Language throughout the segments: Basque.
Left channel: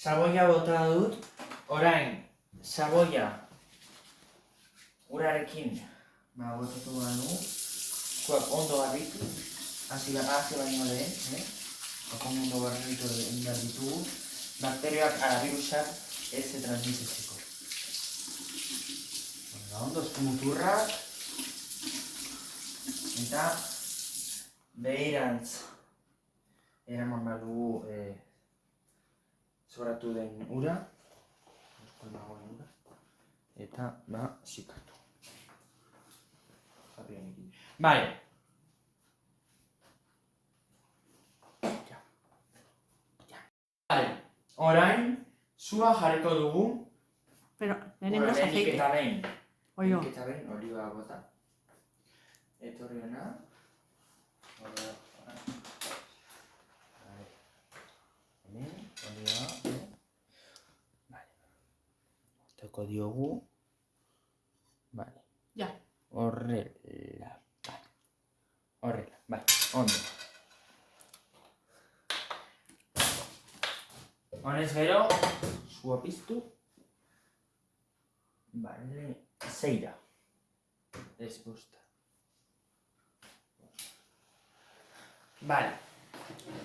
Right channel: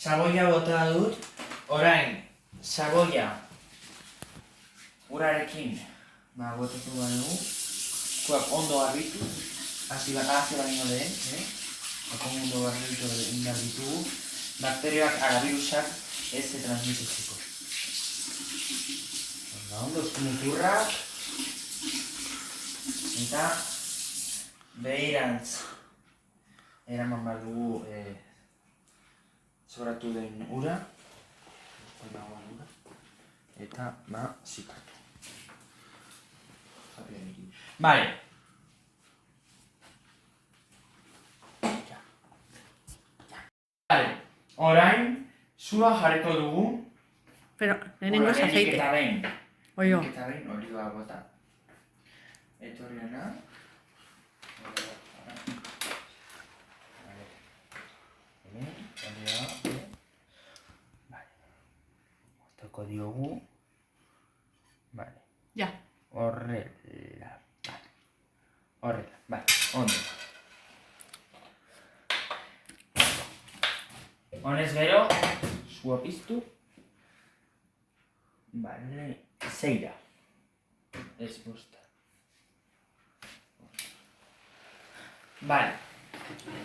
Saboia bota dut, orain, saboia urarekin botatu badu, ondo garbitu, hasi baino lehen, ondo garbitu, bakterioak arabirusak ez transmititzeko. Ondo muturrak, eta behirantz eraman badugu sobratu den ura, eta zikatu. Vale. Vale, orain, sua jarriko dugu. Pero, lehenengo aceite. Eta behin. Oio. Eta behin, oliba bota. Etorriana. Toko diogu. Vale. Ja. Horrela. Horrela, vale, ondo. Honez bero, sua piztu. Vale, zeira. Ez bosta. Vale.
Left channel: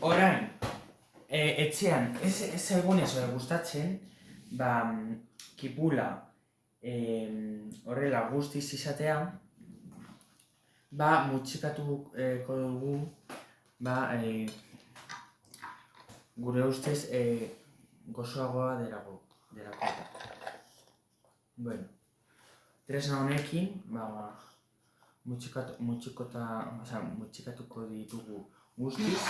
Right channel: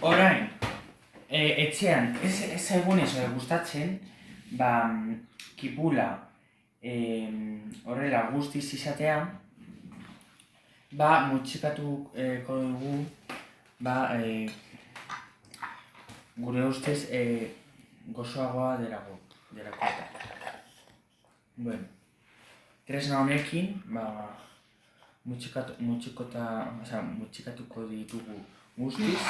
Orain, etxean, ez zaigunez gustatzen, kipula horrela guztiz izatea, mutxikatuko dugu, gure ustez gozoagoa delako eta. Bueno, tresna honekin, mutxikatuko ditugu guztiz,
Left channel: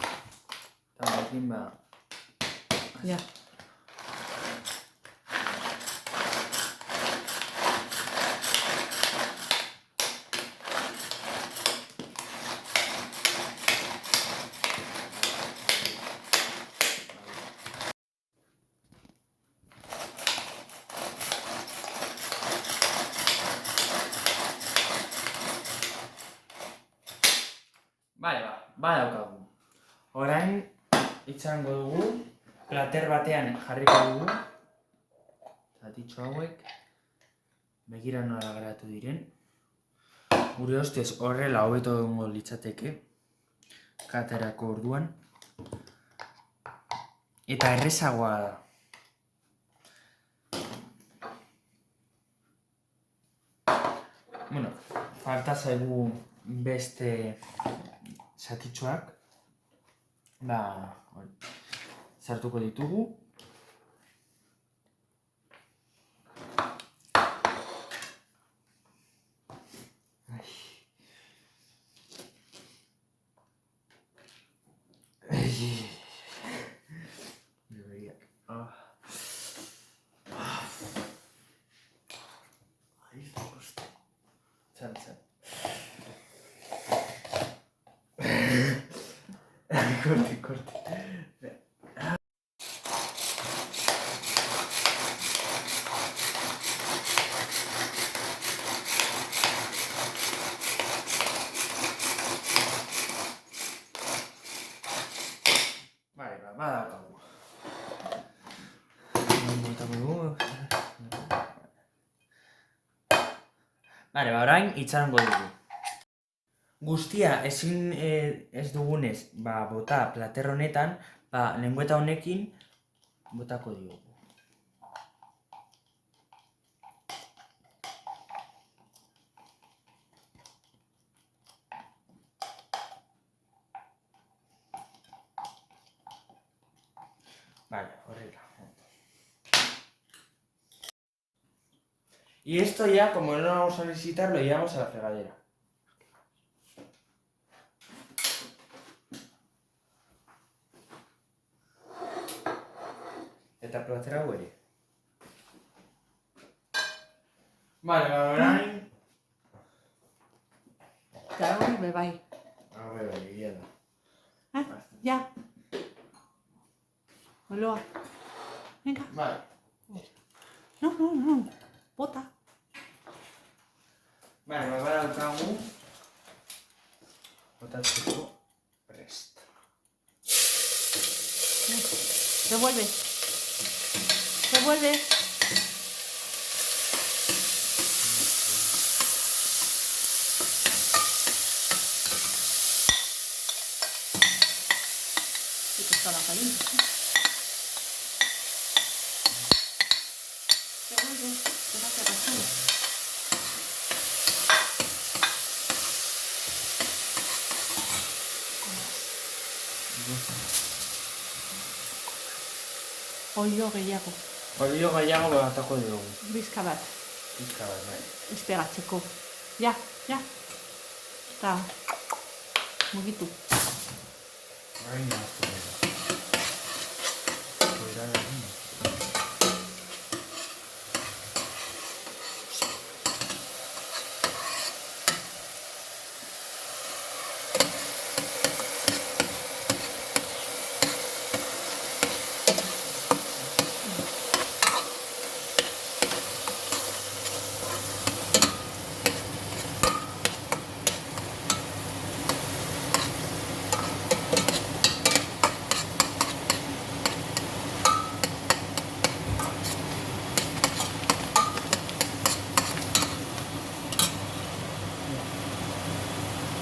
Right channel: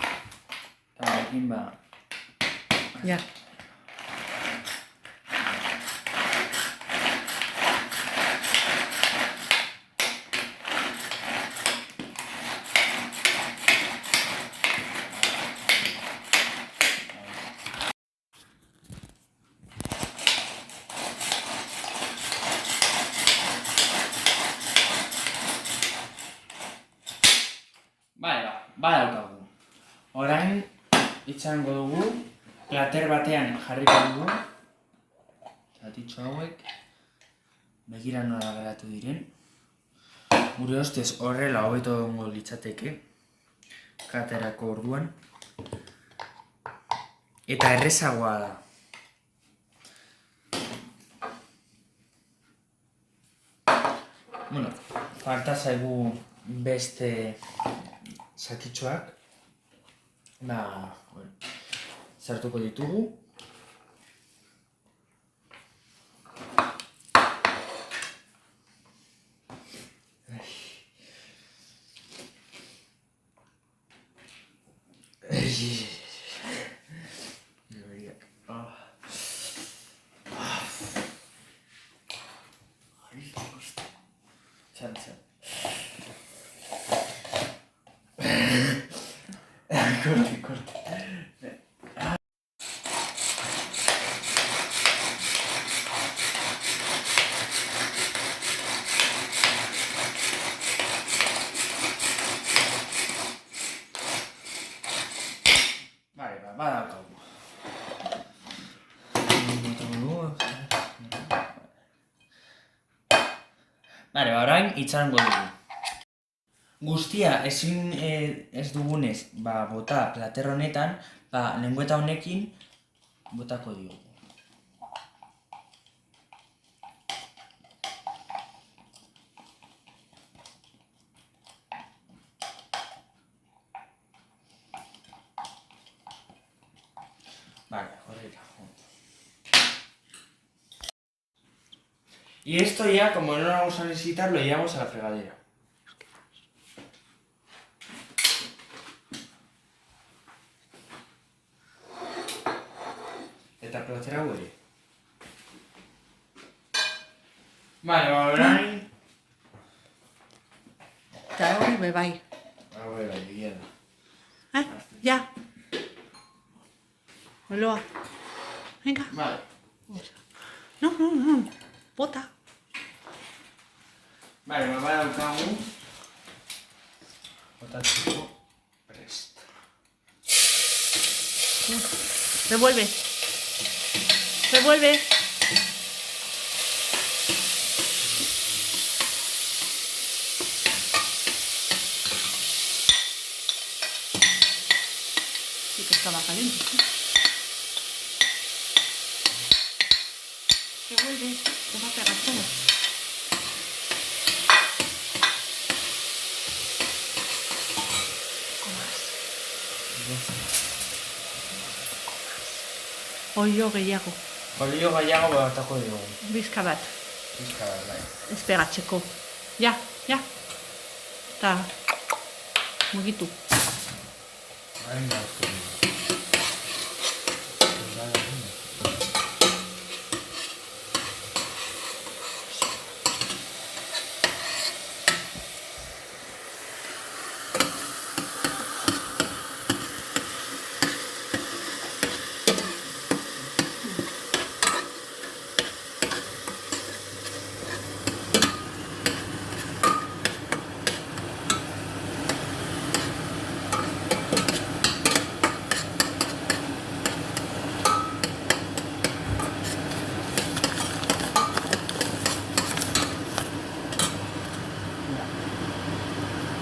eta honekin, Ja. Badaukagu. Orain, itxango dugu, plater batean jarriko dugu, zatitxo hauek, begira nola geratu diren. Gure ustez horrela hobeto egongo litzateke, katerako orduan, eta errezagoa da. Bueno, falta zaigu beste zatitxoak, sartuko ditugu. Corte. Vale, badaukagu. Vale, orain itxarango dugu. Guztia ezin ez dugunez bota plater honetan, lengüeta honekin botako diogu. Vale, horrela. Y esto ya, como no lo vamos a necesitar, lo llevamos a la fregadera. Eta platera hori. Vale, orain. Eta hori bebai. Bai, egia da. Ja. Oloa. Venga. Vale. No. Bota. Vale, badaukagu. Botatzeko prest. Revuelve. Revuelve. Sí que estaba caliente. Revuelve. Tengo que agarrarlo. Olio gehiago. Olio gehiago botako dugu. Bizka bat. Pizka bat, bai. Esperatzeko. Ja, ja. Eta mugitu. Orain nahaztu dugu.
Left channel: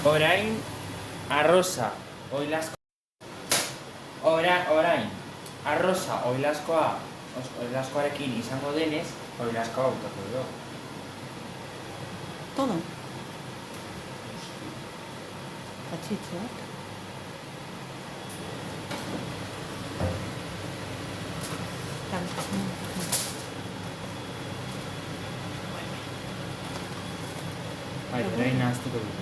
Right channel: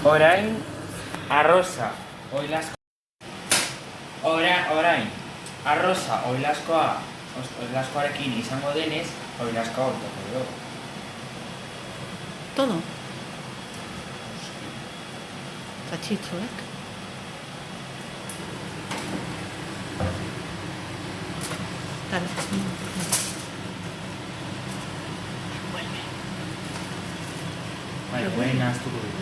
Orain, arroza, orain, arroza, oilazkoarekin izango denez, oilazkoa botako dugu. Todo. Txitxoak. Dale. Vuelve. Bai, orain nahaztuko dugu,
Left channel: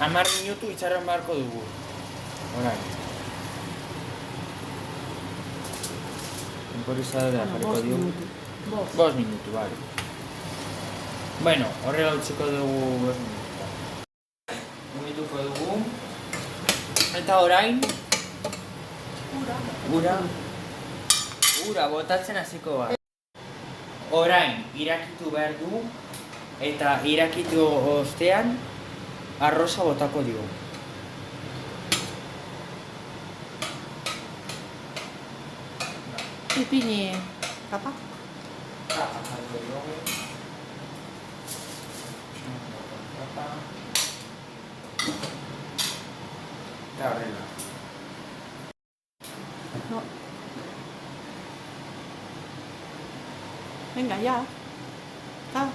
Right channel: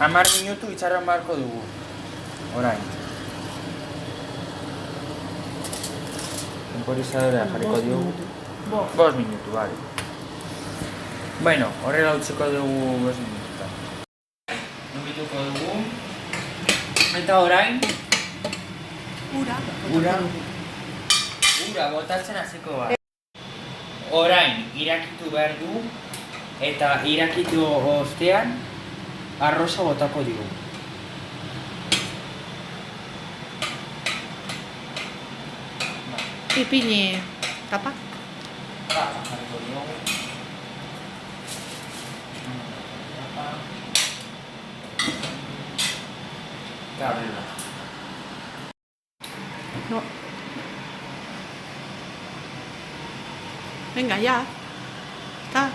Hamar minutu itxaron beharko dugu. Orain. Temporizadorea jarriko diogu. 5 minutu, bale. Bueno, horrela utziko dugu 5 minututan. Numituko dugu. Eta orain, ura botatzen hasiko da. Orain, irakitu behar du, eta irakitu ostean, arroza botako digu. Ipini tapa. Tapa jarriko diogu. Eta horrela. No. Venga, ya. Ta.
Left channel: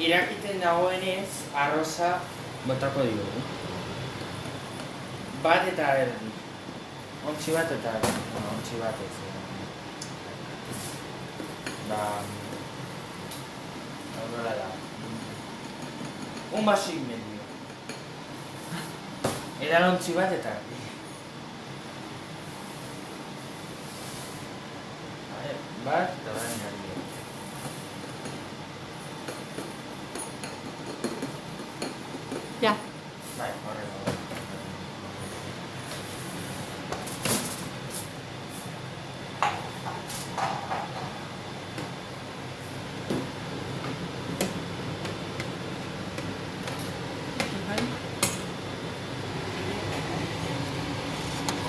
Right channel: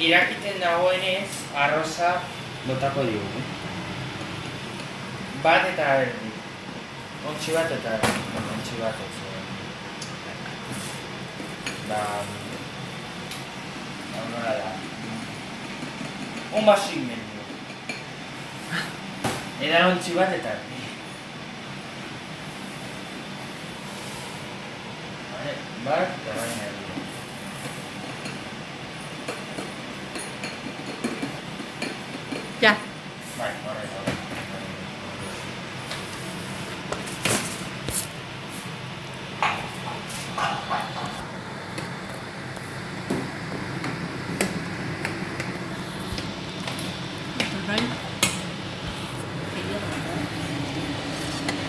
Irakiten dagoenez, arroza botako digu. Bat eta erdi. Ontsi bat eta erdi. Ontsi bat ez. Da... Nola da. Un baso inmendio. Edan ontsi bat eta erdi. Bat eta baina erdi. Ya. Bai, horretu.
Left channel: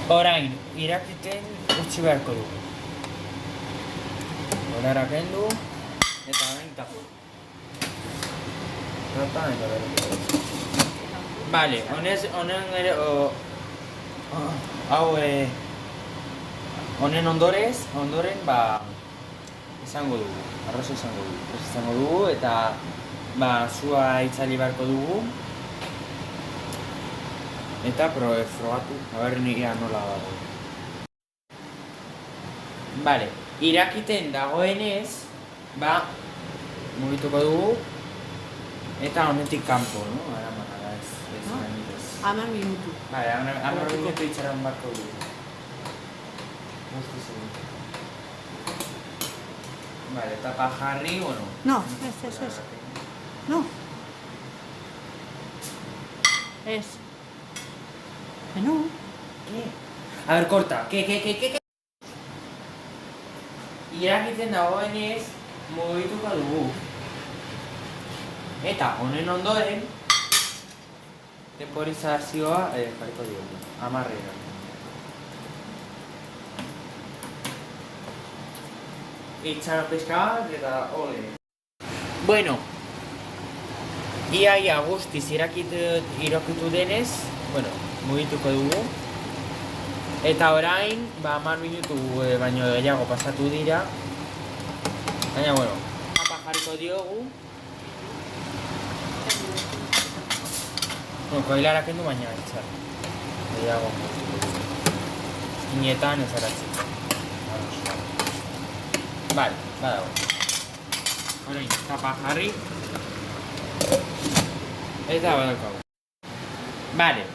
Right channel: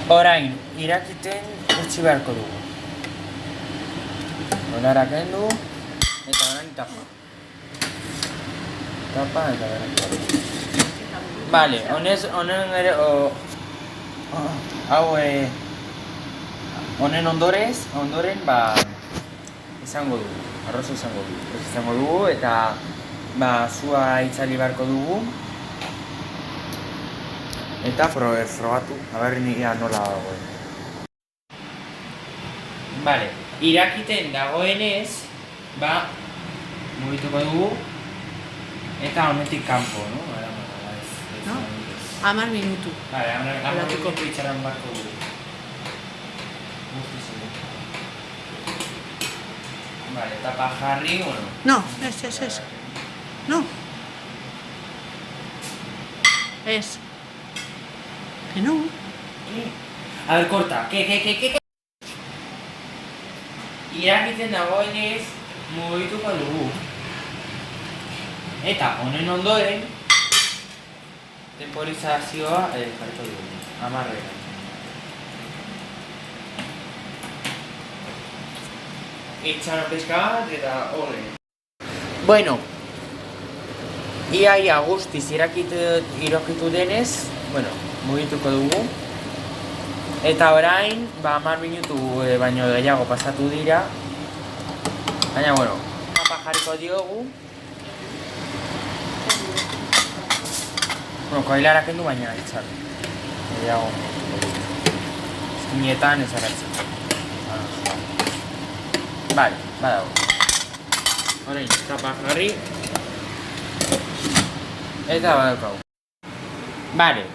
Orain, irakiten utzi beharko dugu. Olara kendu, eta orain tapa. Tapa eta berretu. Vale, honen ere, honen ondoren, izango dugu, arroza izango dugu, eta zua itzali beharko dugu, eta frogatu, haber nire nola dagoen. Vale, irakiten dagoenez, ba, mugituko dugu, eta honetik kanpo, no? No? 10 minutu. Vale, hamar Horatuko. minutu itxaron barko dugu. Guzti zure. Vale, tapa jarri, bueno. No, ez. No. Ez. Que no. ¿Qué? A ver, corta. ¿Qué? Irakiten dagoenez mugituko dugu. Eta honen ondoren temporizazioa jarriko dugu. 10. Itxaron pixka bat eta hori. Bueno, ia guztiz irakitu denez, bueno, mugituko dugu. Eta orain, 10 minutu baino gehiago pasatu dira. Baina, bueno, tapa jarriko diogu. Bueno, koilara kendu baina etxar. Gehiago mugituko dugu. Eskinetan ez aratzeko. Vale, badago. Orain, tapa jarri. Eta badaukagu. Vale,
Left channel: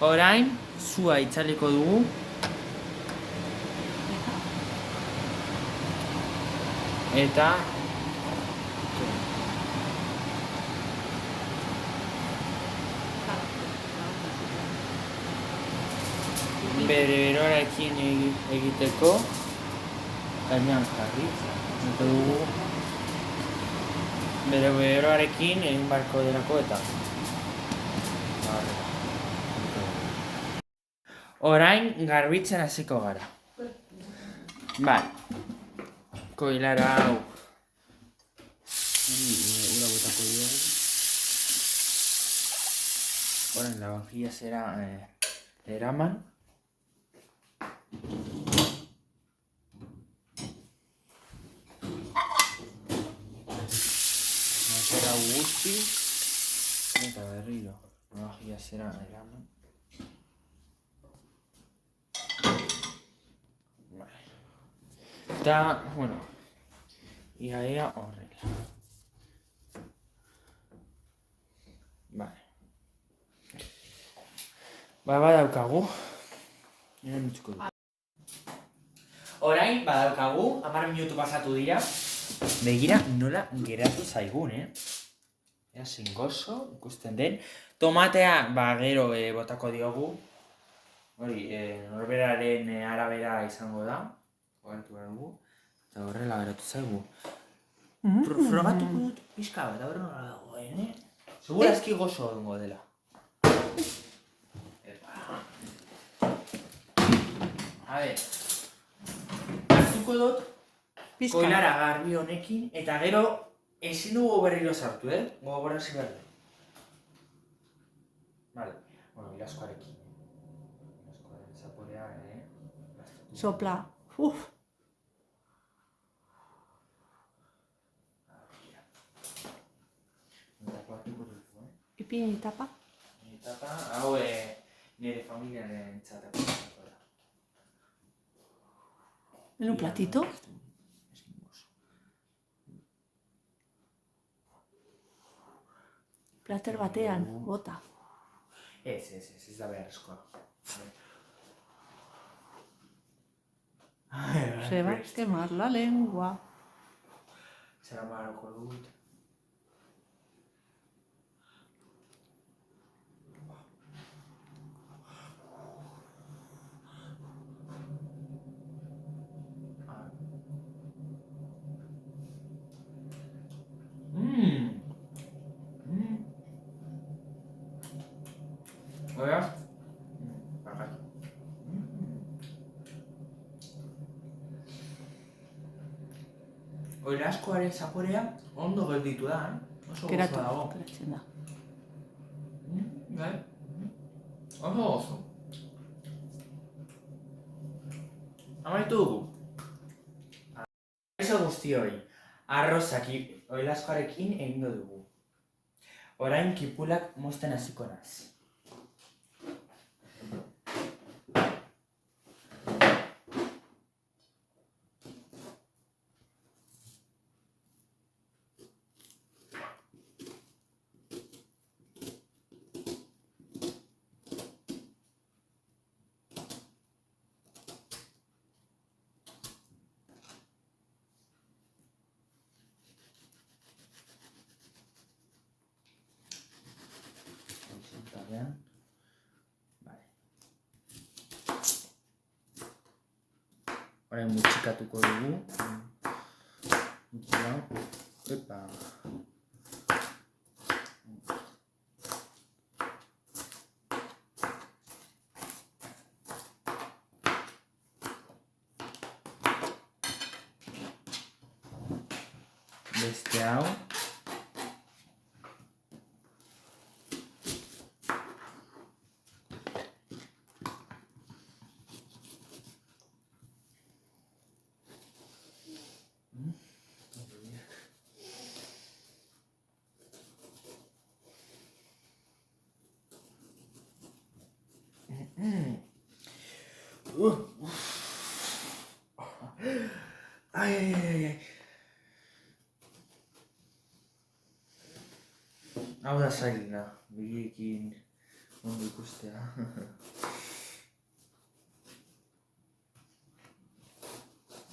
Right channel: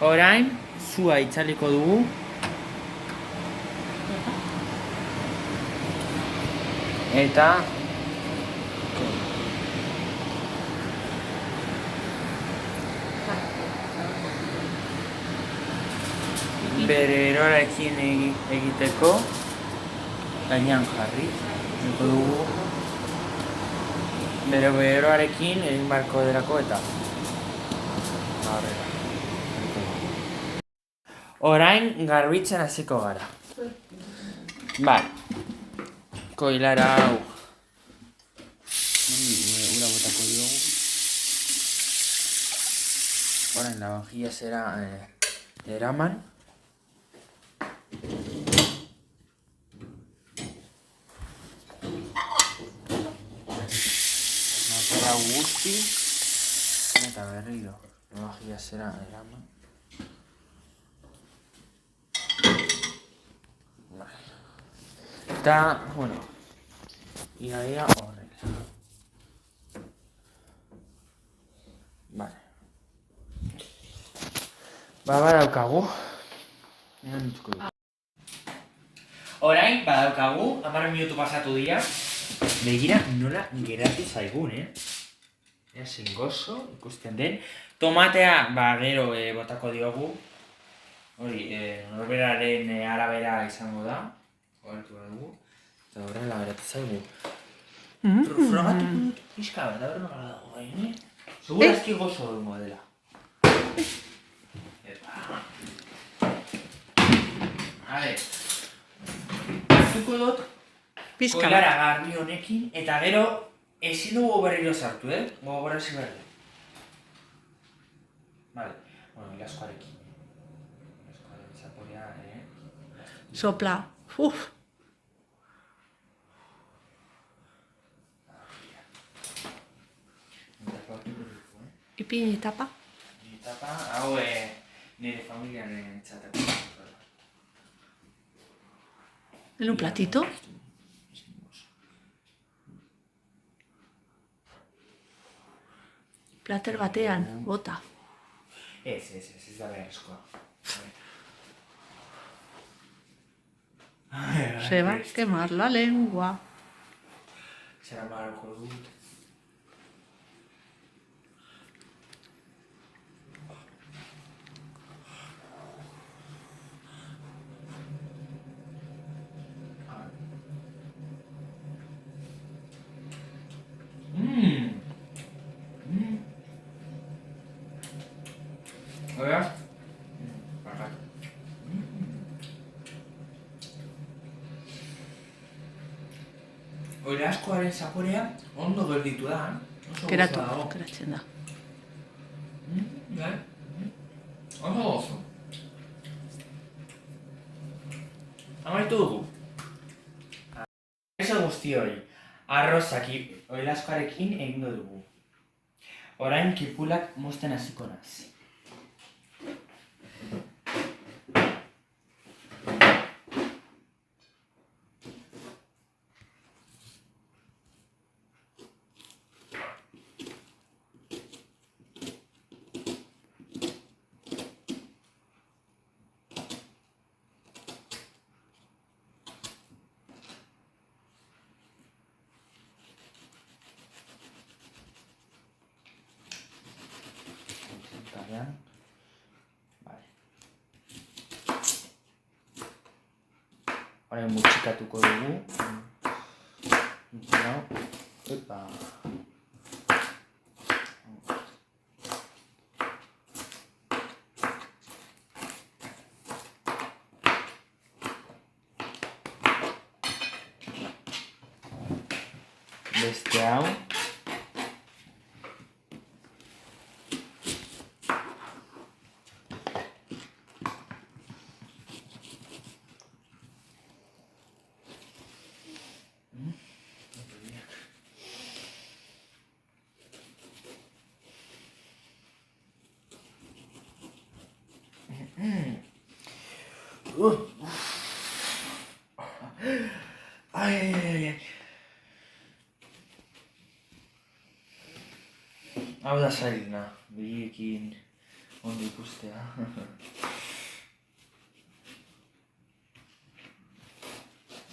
orain, zua itzaliko dugu. Eta bere eroarekin egiteko gainean jarri. Eta dugu bere eroarekin egin barko delako eta horrela. Orain garbitzen hasiko gara. Vale. Koilara hau. Ura botako diogu. Orain la vajilla zera eraman. Nazara guzti. Eta berriro. La vajilla zera eraman. Eta, bueno, ia horrela. Vale. Badaukagu. Orain, badaukagu, 10 minutu pasatu dira. Begira nola geratu zaigun, Ea zein gozo ikusten den. Tomatea, gero botako diogu. Hori, norberaren arabera izango da. Horretu dugu. Eta horrela beratu zaigu. Frogatuko dut pixka bat, horren nola dagoen, Segurazki gozo horrengo dela. A ver. Zuko dut Pizka. koilara garbi honekin, eta gero ezin dugu berriro sartu, Gogorazi berri. Vale. Bueno, ilaskoarekin. Ilaskoaren zaporea, Sopla. Uf. Ipini tapa. Tapa, hau nire familiaren txatako. En un platito. Plater batean, bota. Ez da beharrezkoa. Se va a quemar la lengua. Zera maroko dut. Hola. Bakat. Oilaskoaren zaporea ondo gelditu da, Oso Geratu, gozoa dago. geratzen da. Bai. Oso gozo. Amaitu dugu. Eso guztioi, arrozak oilaskoarekin egingo dugu. Orain kipulak mozten hasiko naiz. parean. Vale. Orain mutxikatuko dugu. Epa. Beste hau. Ai. Hau da zailena, begiekin ondo ikustea.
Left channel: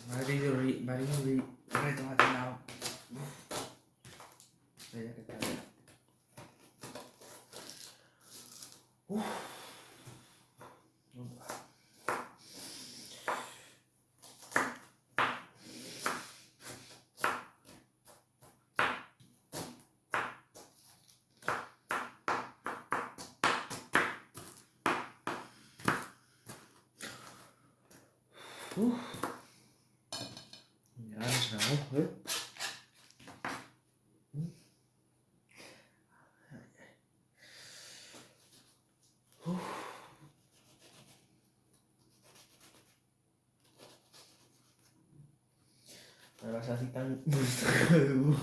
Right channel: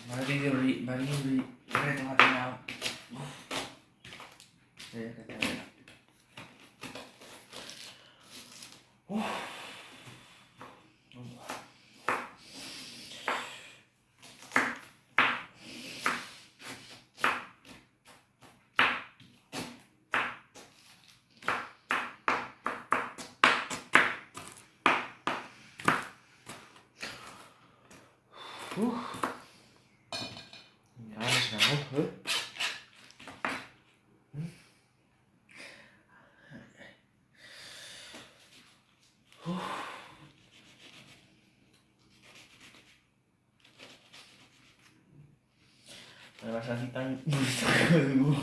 Bari reto baten hau. Eta bera. Ganes nago, Basatitan gustatuko dugu.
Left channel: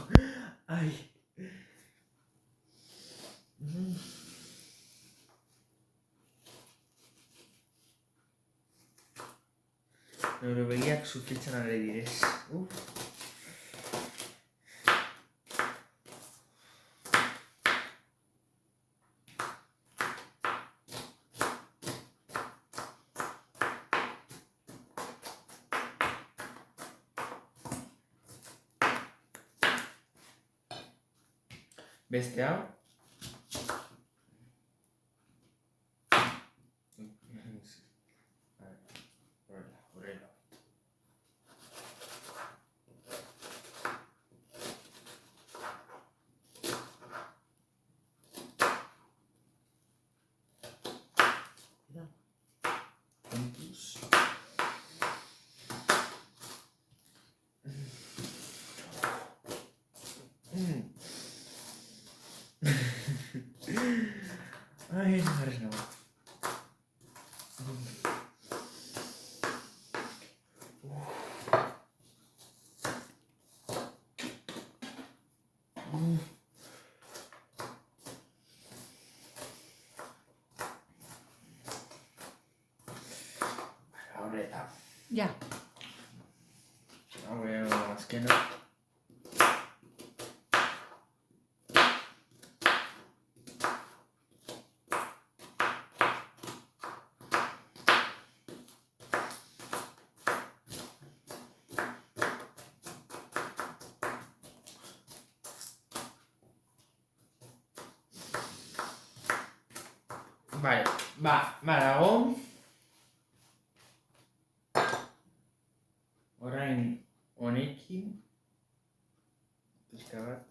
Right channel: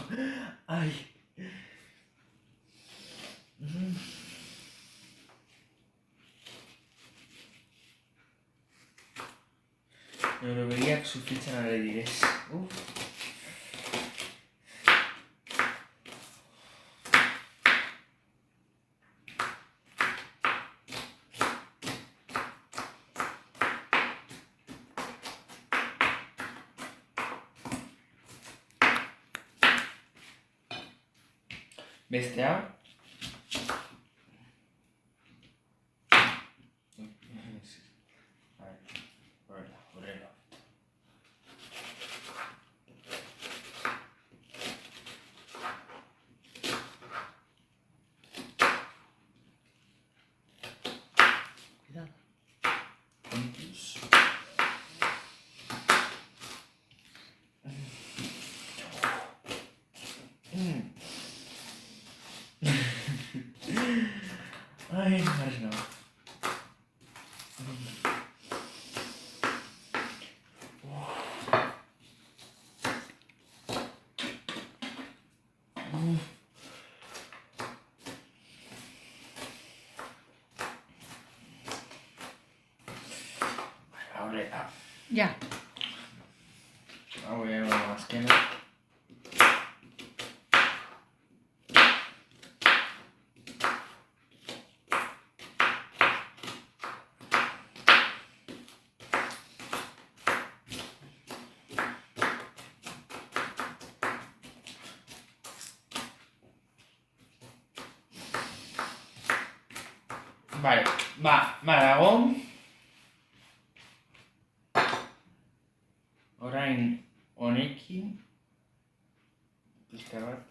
Ai. Nire begiak sufritzen ari direz. Beste hau. Horrela. Cuidado. Puntos. Ai, ganes nago. Horrela. Ja. Hau ego azkena. Vale, badago. Orain honekin pixka bat